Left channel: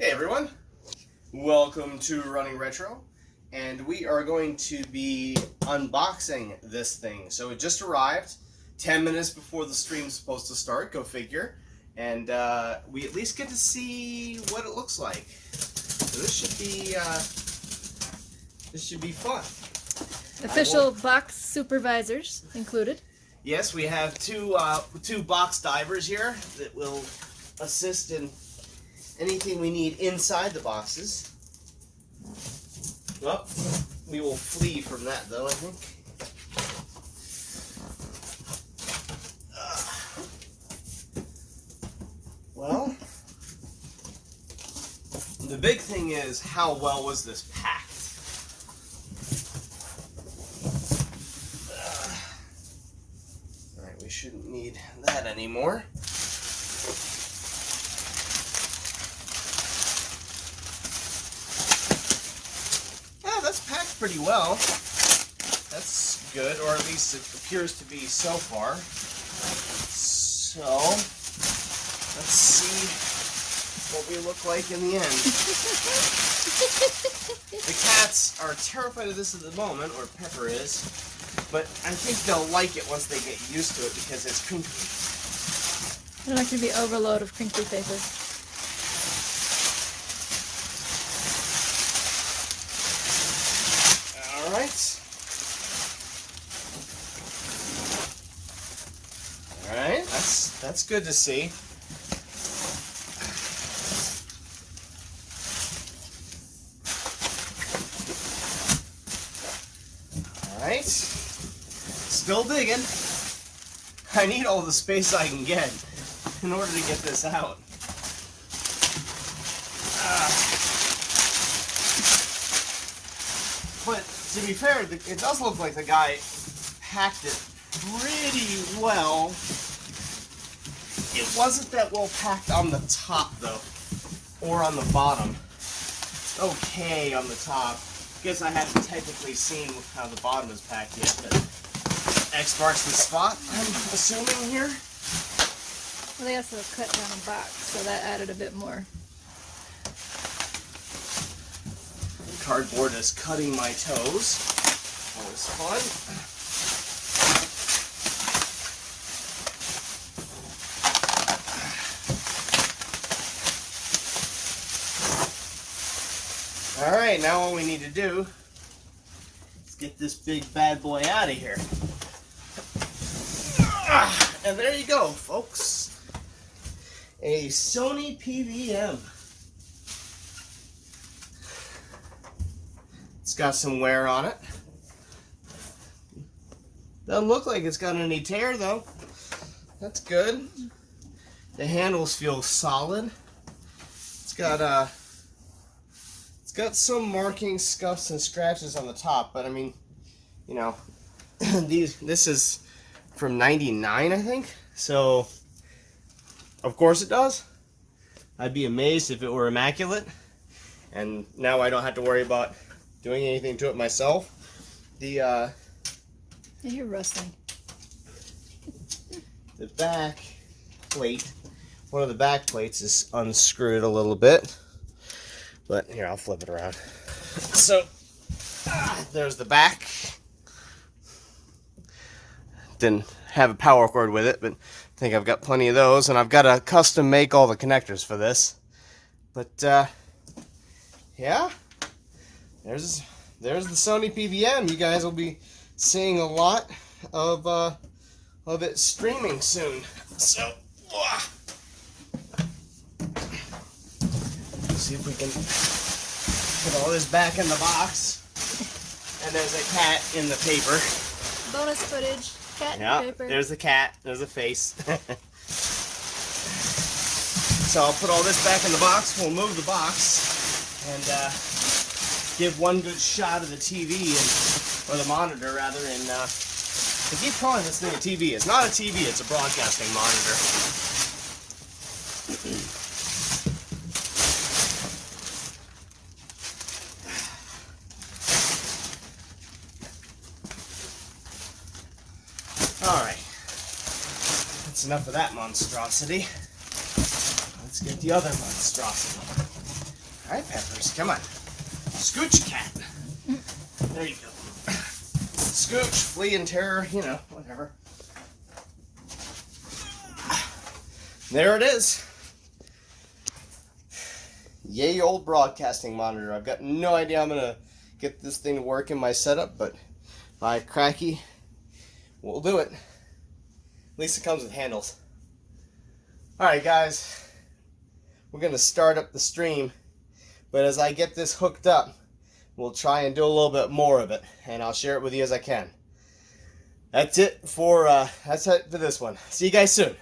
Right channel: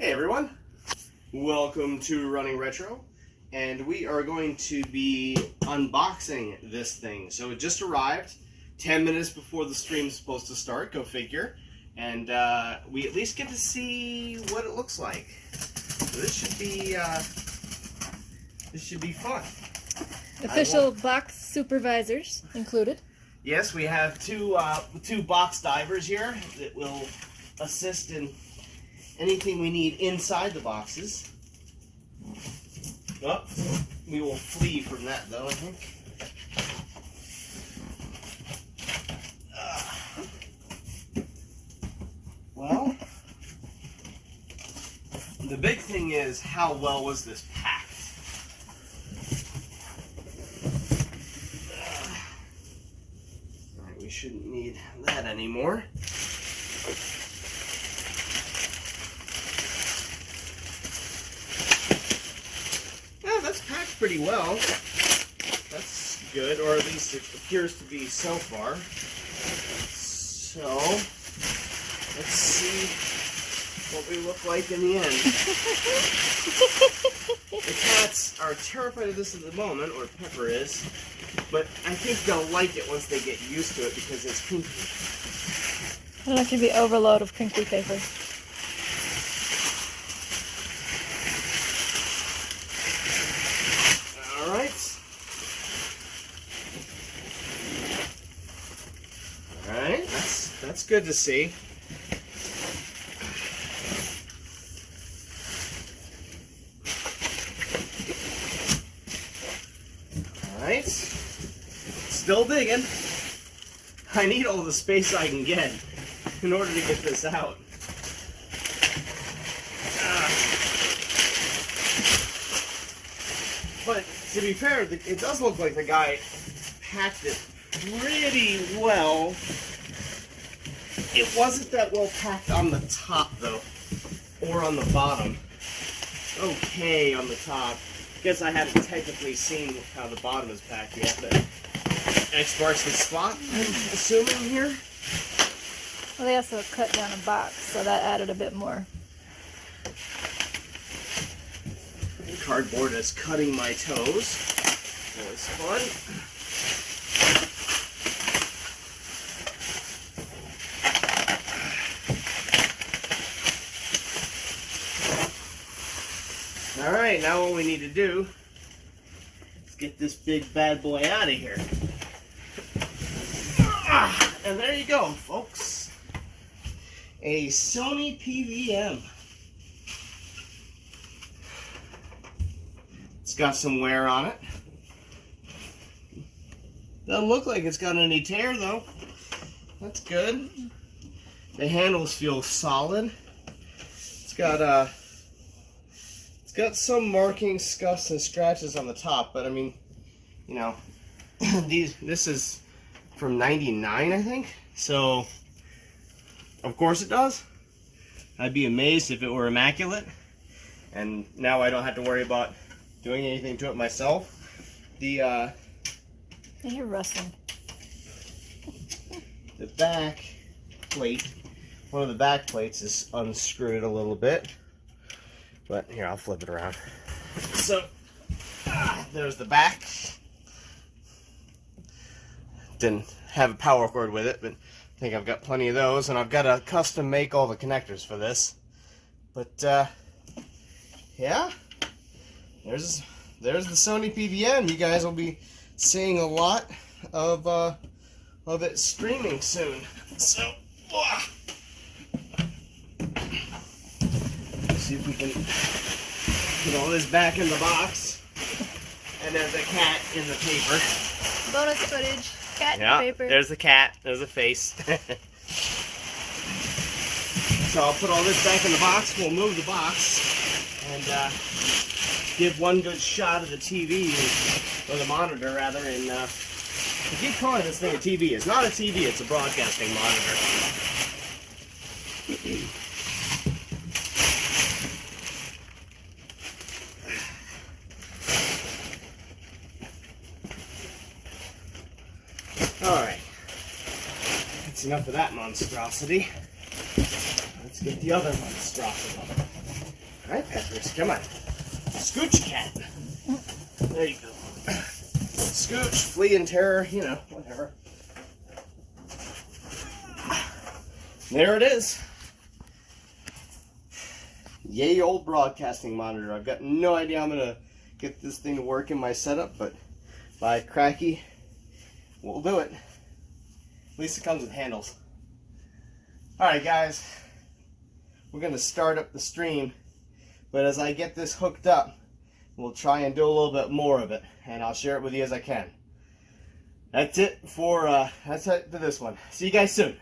Hey everyone, welcome to Running Retro, and we are going to be unboxing this thing. So it just arrived 10 minutes before the stream's supposed to start, go figure, and we at least get to see what it looks like. So this should be fun. Official box supervisors included. Yes, we have two box divers here that will assist in anything we need inside the boxes. Well, we will flee from that though, I think. Well, the big thing is, how well was this packed? Alright, we shouldn't need that anymore. That's packed pretty well. That's good, or at least it appears to be so far. So, let's see what we look like in the end. The cats are terrified of this at the moment, or Pepper is, but I think they'll like it once they get used to it because it's crinkly. I don't want you to be overload of crinkly paper. Alright, that's good to see. Alright, still digging. I need all the space I can get in order to get this out. But to be fair, it does look like the guy packed it pretty well. It wasn't that well packed on the top though, or on the bottom. Okay on the top. Guess I haven't technically seen how the bottom is packed yet, but X marks the spot, I'm assuming here. Well, they also cut down a box, so that added a bit more. Cardboard is cutting my toes. That was fun. Alright, now all we need to do is get this big bad boy out of here. And there you go, folks. A Sony PVM. It's got some wear on it. Doesn't look like it's got any tear though. That's good. The handles feel solid. It's got some markings, scuffs, and scratches on the top, but I mean, you know, this is from '99, I think. So, of course it does. I'd be amazed if it were immaculate. And now I don't have to worry about doing anything to it myself. You're rustling. The back plate, one of the back plates is unscrewed a little bit. But here, I'll flip it around. So, there's the back. Didn't have a power cord with it, but I think I've got plenty of those. And I've got to custom make all the connectors for this. But, yeah. There's the Sony PVM. You guys will be seeing a lot of it streaming soon. So, see if we can put all this back in the box. And there's a cat in the paper. Bonus footage. Cat in the paper. There's the cat. There's a face. So I'll put all this back in the box. We'll move the box and give one good shot of the TV, or the monitor rather. And I keep calling this thing a TV. It's not a TV. It's a broadcasting monitor. Alright, that's enough of that monstrosity. Let's get the other monstrosity. Hi, Peppers. Come on. Scooch, cat. There you go. Scooch, flee and terror, you know, whatever. There it is. Yay, old broadcasting monitor. I've got no idea I'm going to get this thing to work in my setup, but by cracky, we'll do it. At least it comes with handles. Alright guys, we're going to start up the stream, but as I get this hooked up, we'll try and do a little bit more of it, and I'll share it with you as I can. That's it for this one. See you guys soon.